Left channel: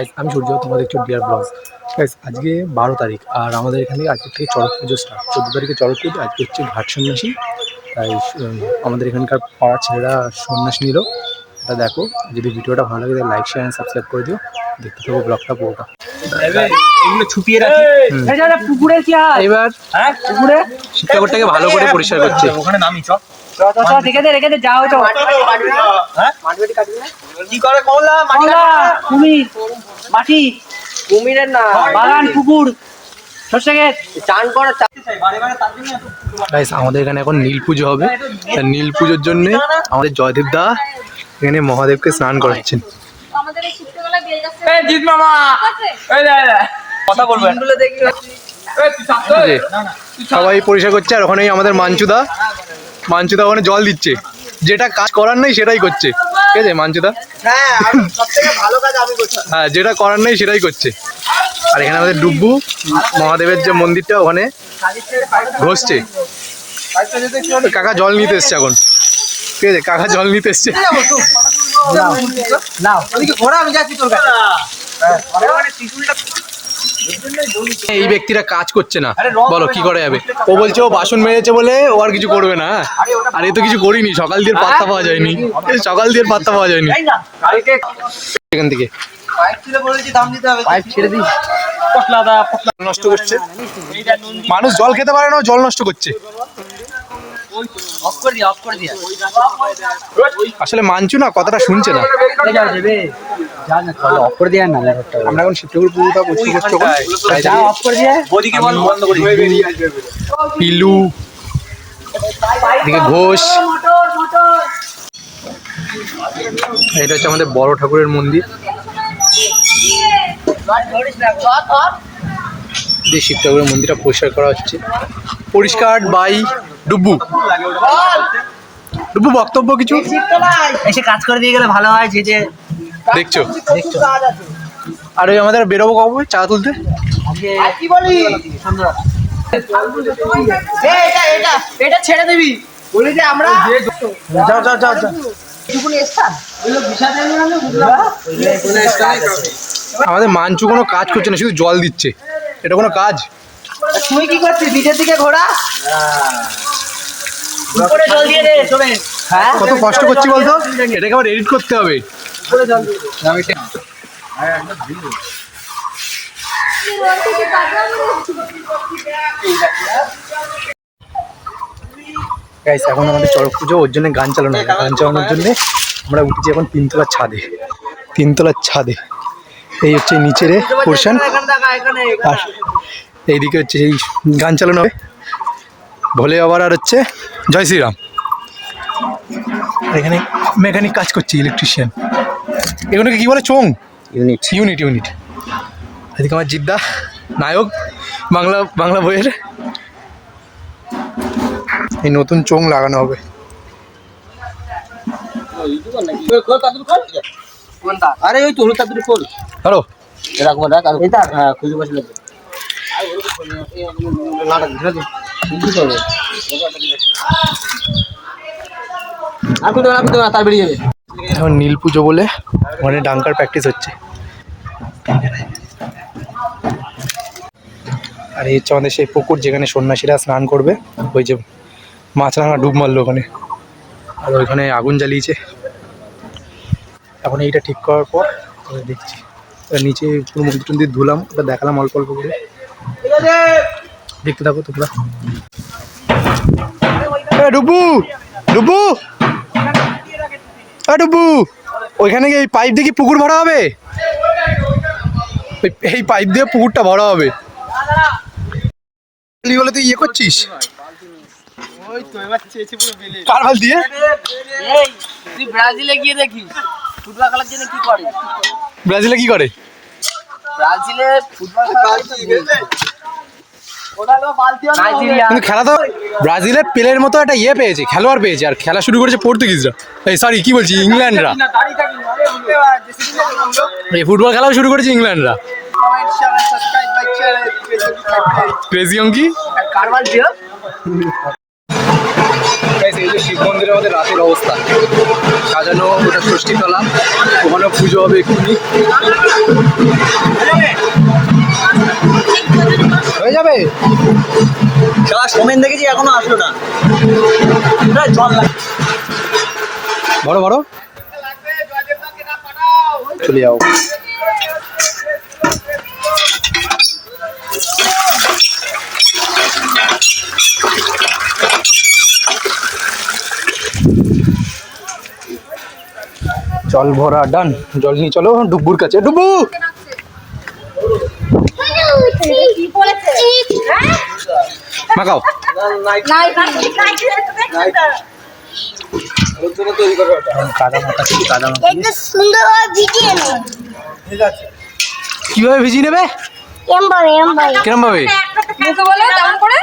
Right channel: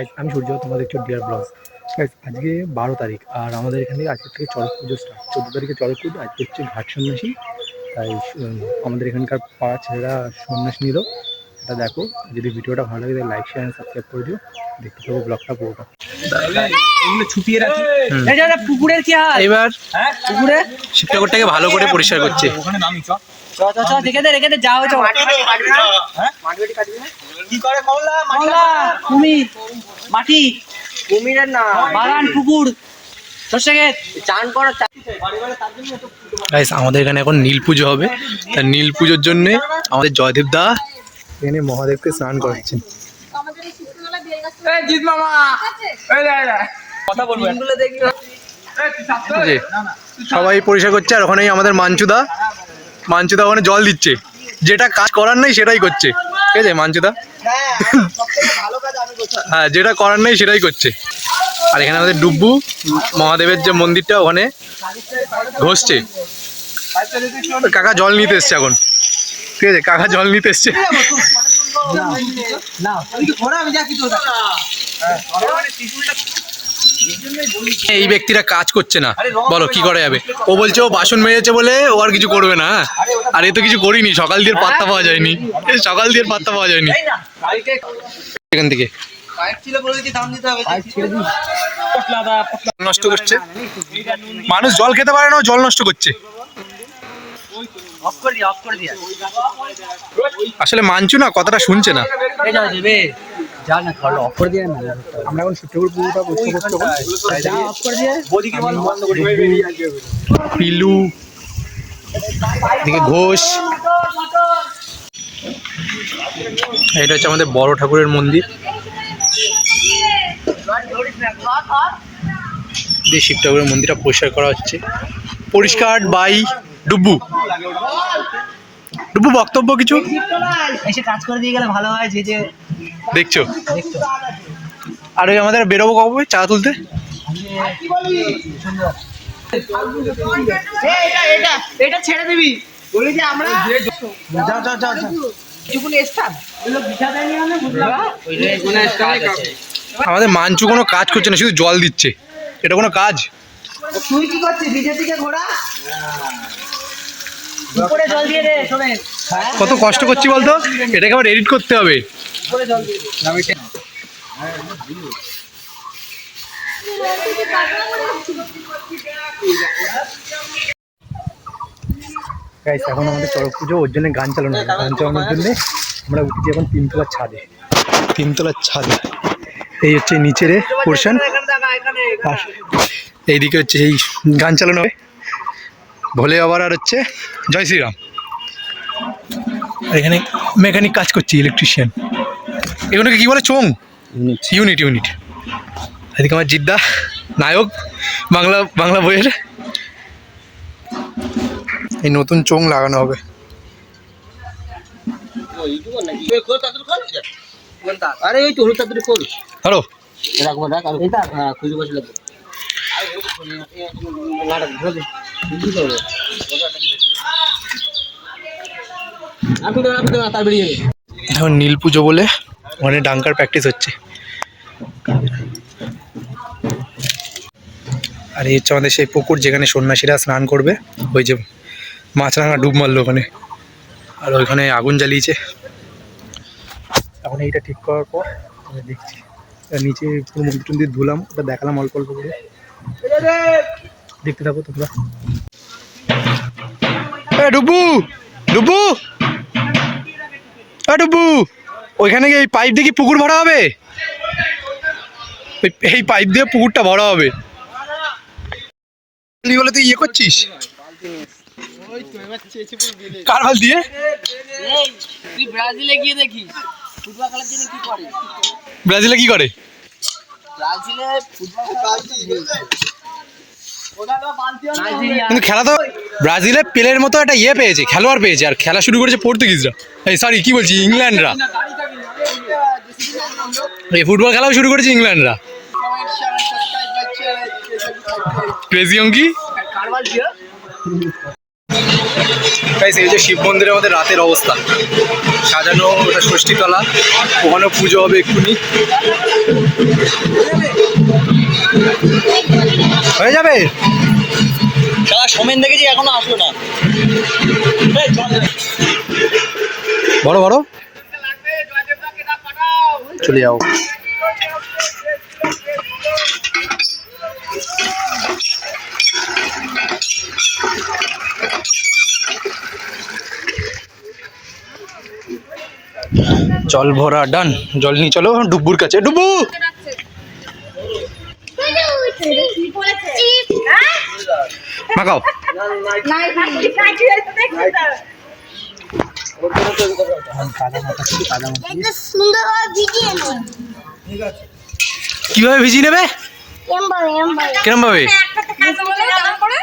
Guys আমি সূর্য, তোমরা দেখছো ডিয়ার ব্লগস। গাইস আজকে 12 তারিখ আর আমাদের এখানে আজকে থেকে চড়ক পুজো স্টার্ট। 14 তারিখে চড়ক পুজো, আজকে হচ্ছে ঘাট সন্ন্যাসী। তাই আমাদের এখানকার পাড়া ছেলেরা সন্ন্যাস নিল। এটা দেখো, যদি ভিডিওটা ভালো লাগে তাহলে লাইক শেয়ার এন্ড সাবস্ক্রাইব করে দিও। দেখতে থাকো ব্লগটা পুরোটা। এগুলো ছুপিয়ে রাখি। পুকুরের কি হয় এবার পুকুরে শিবঠাকুরটাকে ভালো করে পরিষ্কার করছে। ওখানে নামি চ রেখে দে যাও যাও কি করে মৌলা মালা কুমির মাটি কুমিরের না বাগান পুকুর সর্ষে ক্ষেত চান করা গাইস আমাদের এখানে এখন নীল পুজো হবে। তাই নীল পুজোর জন্য আমাদের জয়দীপ দা এখানে মহাদেবকে স্নান করাচ্ছেন। আমাদের এই শীতকালে দিয়ে যাচ্ছে এই জিৎ মামা এই লে কথা বলবেন। সবাই পরিষ্কার করছে আর ওখানেই আমাদের মাঞ্চুদা ওখানে জল দিচ্ছে। যেটা কাজ করার নেই সেটাই করছে, ঠিক আছে মাঞ্চুদা? হ্যাঁ, যেটা করার নেই সেটাই করছে। আর এখানে আমাদের ডুব্বু মহাদেবের যে মন্দিরটা ওখানে ঘষছে। কাকা জল নিতে এসছে এখন, ঠিক আছে? কাকা জল নিতে এসছে। এই ব্যক্তিরা কাজ করছে না, বলো কি করে যাবে? ও বলছে ও বাসন মেরেছে বলে ও আর কিছু করবে না। আর এ তো কিছু করিনি, সকাল দিয়ে পাত্তা পাওয়া যায়নি। এখান থেকে নষ্ট করছে মানুষ, জল খেতে পারে না, জল নষ্ট করছে। আসলে মানছু না, কথাটা শুনছে না। আমরা এখন শিবঠাকুর পুজোটা পিলু এদিকে ঘোষ। এটা হচ্ছে আমাদের বড় ঠাকুরের মন্দির। শিব ঠাকুরের মন্দিরটা পরিষ্কার করা হচ্ছে, পরিষ্কার বাই ডুব্বু। বক্তব্য কিছু এসে কাজ করে দিয়ে গেলে ভালো হয়। যে দেখছো আর ওই আমাদের বেরোবো কবে চা তুলতে? এটা ছেড়ে দিবি বলি যে আমরা যাও আমাদের মাঞ্চু কোনো কাজ করছে না, শুধু জল দিচ্ছে। এটা কোনো কাজ? তুই কি করছিস? নিচের দিকে ঘোরা, উপরে জল দিয়ে দে। শোনেন কত কষ্ট করছি বলতো, এটাকে আবার এডিট করতে হবে। উপরে জল দিয়ে দে। গাইস এখন আমাদের চড়ক পুজো, ওর জন্য গান চালানো হবে। গান চালানোর জন্য আমরা উঠছি এখন তিনতলার ছাদে। এই হচ্ছে নিচের পোর্শন, আর এইদিকে হচ্ছে এই গান চালানো হবে ভোলে বাবার আর হচ্ছে জয় শ্রীরাম। আর এখানে মেকানিক কাজ করছে, ইলেকট্রিশিয়ান। এগুলোকে কি বলে? চোং ইউনিট। এদিকে আমার জিদ্দা নায়ক বাংলা বইয়ের। এই নতুন চোং লাগানো হবে। আরে ওই তো হলুদ তাড়াতাড়ি খোল। হ্যালো রাখবো রাখ আর হ্যাঁ খুঁজে বসে লাগবে। তার বেরিয়ে যাবে। এখন নীল পুজো বলে মানে ডাঙ্কার প্র্যাকটিস হচ্ছে। আর এই হচ্ছে আমাদের সেই পুকুর যেখানে সন্ন্যাসীরা স্নান করবে। ওই যে মাছরাঙা ডুব মারলো ওখানে, আর ওইখানে আগুন জ্বালিয়েছে। এখন এইটা ঠিক করার পর দেখছি নিচে পুরো মন্দির টন্দির ধুলাম, ওটা দেখালাম অল্প করে। দেখতে থাকো তোমরা। ডুবু ওইখানে এই পাইপ দিয়ে কি পুকুর ভরা হবে? এই পাইপ দিয়ে পুকুরটা ভরা হবে বলে তুই ইয়ে করছিস? কার হাল দিয়ে? তুই ব্রাজিলে গিয়ে দেখিস ফুটবল খেলার জন্য কি করে। ব্রাজিলে কি করে? ব্রাজিলে ফুটবল কিন্তু খেলা তো ব্রাজিলে পেলের মতো একটা ইয়ে পেয়েছে, খেলোয়াড় পেয়েছে। আর খেলা শুরু করেছে পর্তুগিজরা, সরি কি বলছি, ইংল্যান্ডরা। এই ফুটবল খেলাও শুরু করেছে ইংল্যান্ডরা। ক্রেজি অঙ্কি। শিব মন্দিরে আমাদের রাতের অবস্থা সাজানো, ওটা ষষ্ঠীতলা, ওখানে পুজো হবে এক্ষুনি। হয়ে যাবে। শালা সোমেন দেখেছি এখনো আসলো না। জল লাগে। বড় বড় চলে যাও। জল ভরা ডান, জল নিয়ে চলো ডুব্বুর কাছে। ডুব্বু মাখাও। কিভাবে ভিজিয়ে নেবে, কেমন ভাবে? মুখে বলো কেমন করে,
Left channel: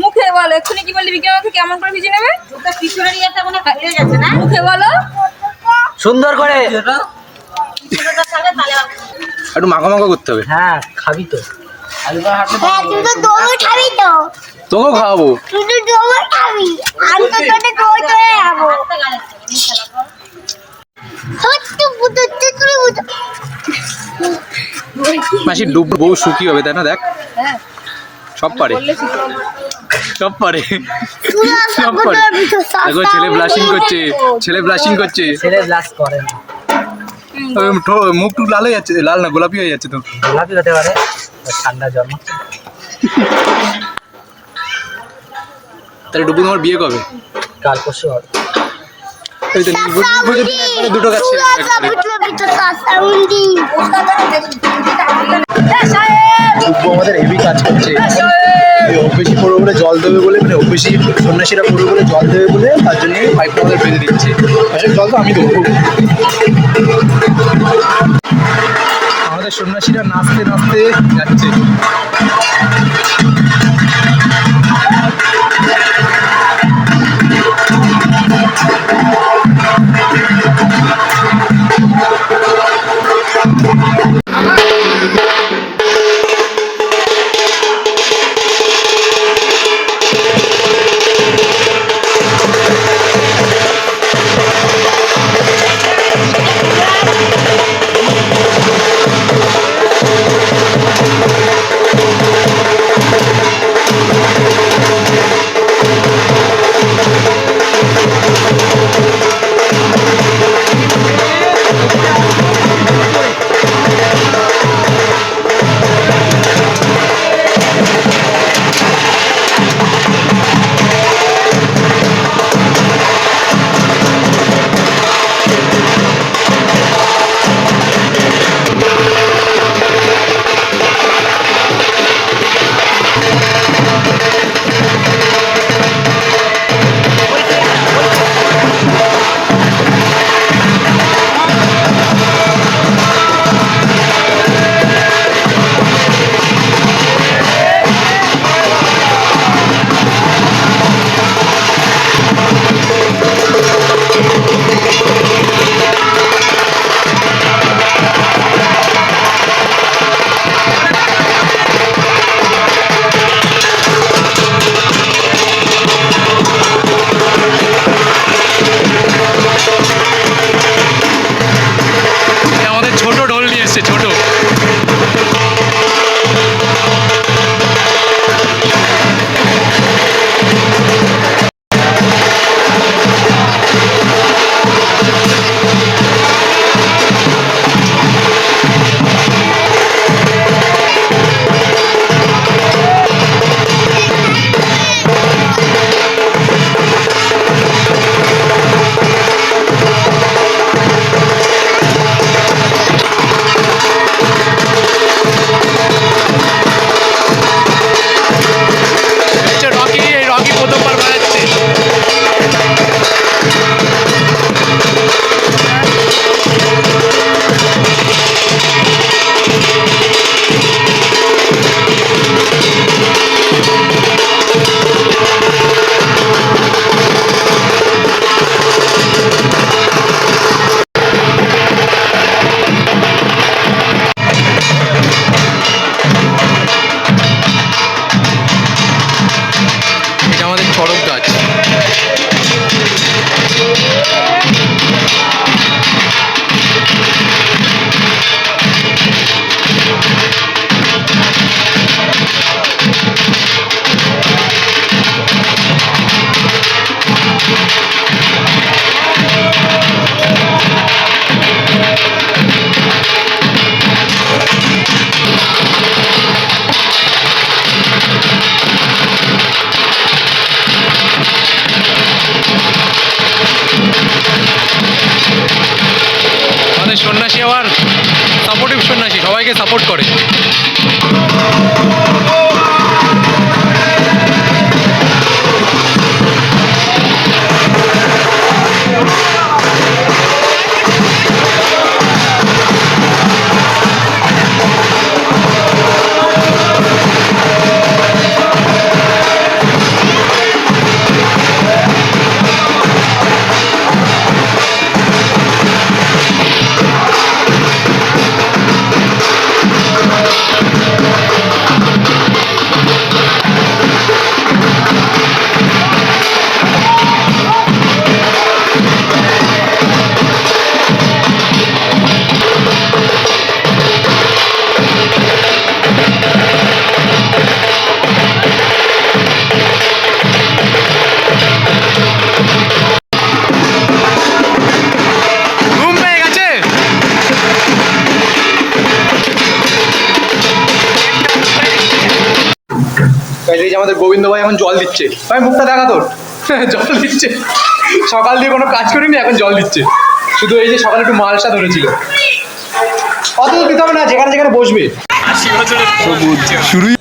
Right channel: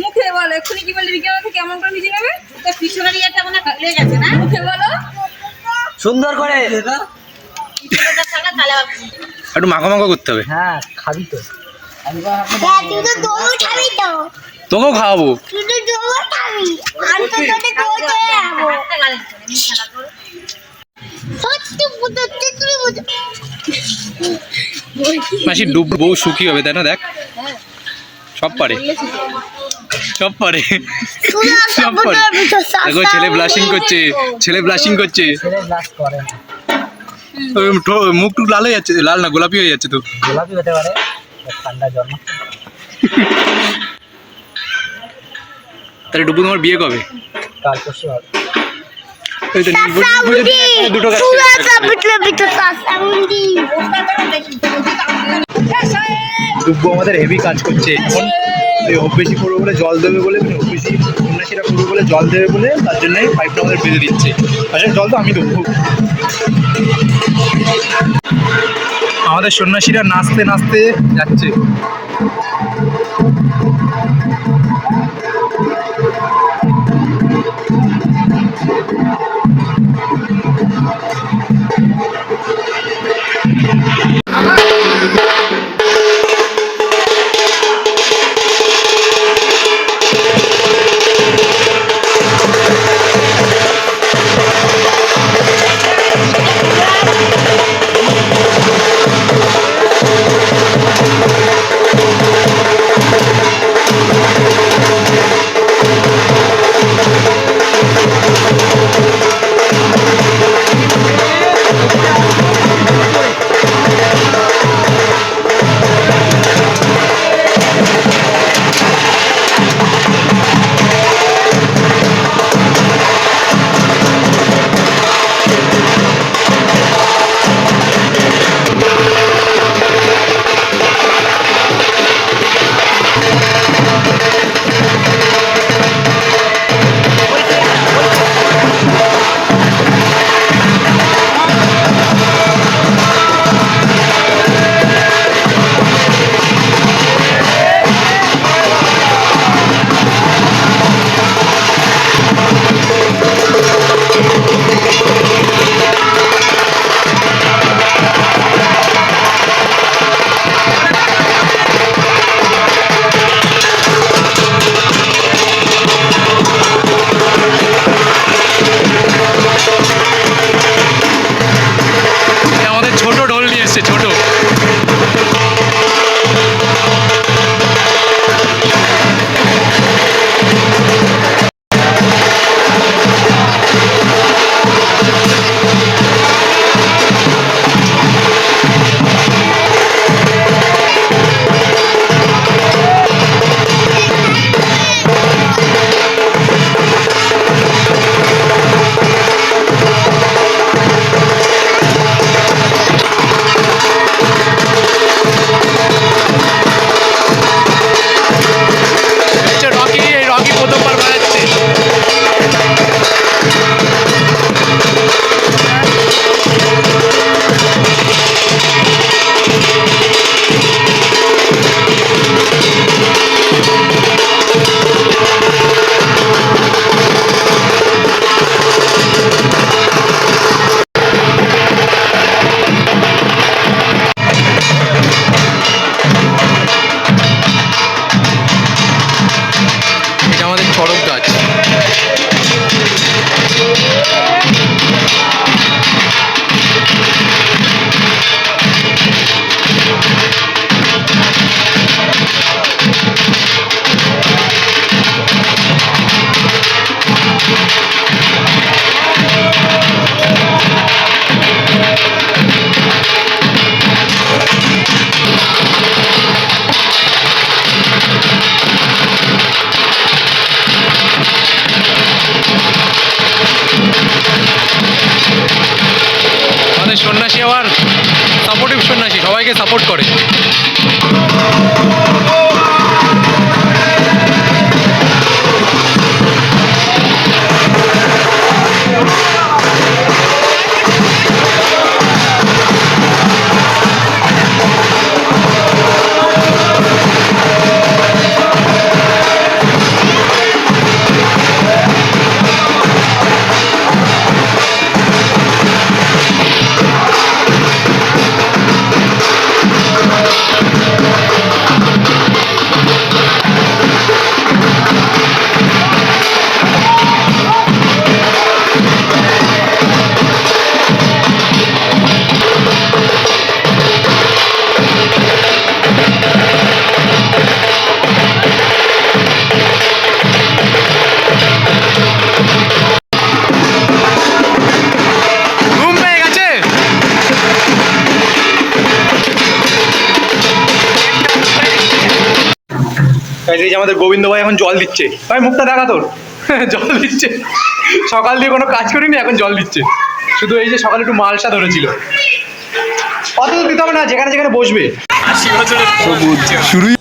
মুখে বলো এক্ষুনি কি বললি বিজ্ঞান কেমন করে ভিজে নেবে, মুখে বলো সুন্দর করে। একটু মাখা মাখা করতে হবে। হ্যাঁ খাবি তো, তোকেও খাওয়াবো। মাসি ডুব বউ সুখী হবে তাই না? দেখ সব পারে, সব পারে, সব পারে। দেখো ছেলে ব্লাশিং করছে, ছেলে ব্লাশিং করছে। ছেলে ব্লাশ করে না, মুখ টুক লাল হয়ে যাচ্ছে, লাল না গোলাপি হয়ে যাচ্ছে তো। গোলাপি হতে পারে, ঠান্ডা জল। তাহলে ডুবু তোমার বিয়ে কবে? কাল পরশু হবে। ওই তো দুটো গাছ ডুব্বু আমাদের হেভি কাজ করছে। বেশি করবে বলে জল দেবে বলে, মানে বেশি সন্ন্যাসীরা করবে বলে জল দেবে বলে, তার জন্যই পাইপটা আমাদের ফেলে দিচ্ছে। আসলে জল তো আমি দেবো। আমাদের সন্ন্যাসীরা নাচতে নাচতে যাচ্ছে। সন্ন্যাসী আবার সাপোর্টিভ সন্ন্যাসী, সবাইকে সাপোর্ট করে। ঘুম পেয়ে গেছে। এই যে আমাদের গোবিন্দ ভাই এখন জল দিচ্ছে। ভাই মুখটা দেখা তোর। জল দিচ্ছে, সকাল দিয়ে কোনো কাজ করিনি, এখন জল দিচ্ছে। শুধু এই যে সকালে একটু মালসা ধরেছিল, অত দিতে হবে না, যেখানে যেখানে বসবে। শুরুই